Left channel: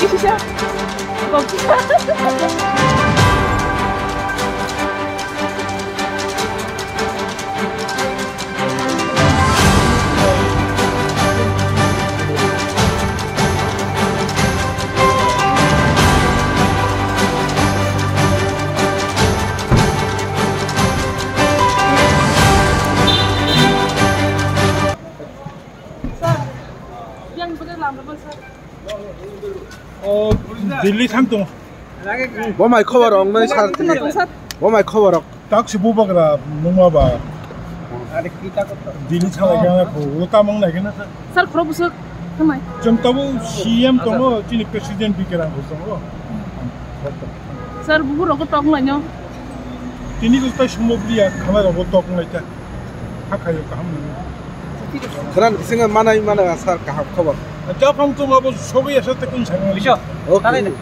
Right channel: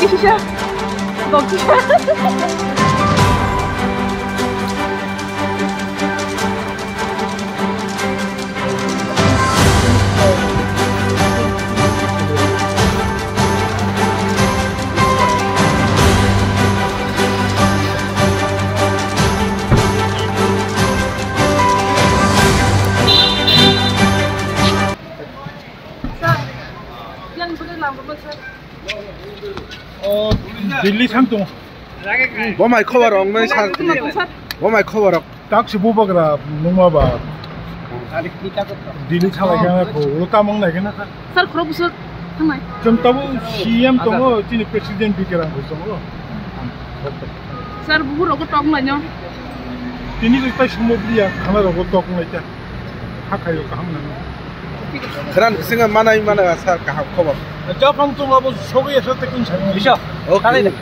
Iya, bagus. Yang boleh lampu besar. 딜리 산동 뭐마이 커버럭 너 사람들이 뭐마이 커버럭 딱시 보박이라 농마봐 딜리 차라가 고 우르타 먹나 이게나 Sir, kalau besar, kenai. 좀 따부 CM 동어 찐이 프레시덴트 비케랑 거 동어 Sir, bubur aku tong lah nyo. 띠니 그 있다 shumob리야 카메라고 떡나 있다 하카요 까 함나 그런 생각 많아 살까 커버 자 방송 하고 소개해서 때 괜찮아 오케이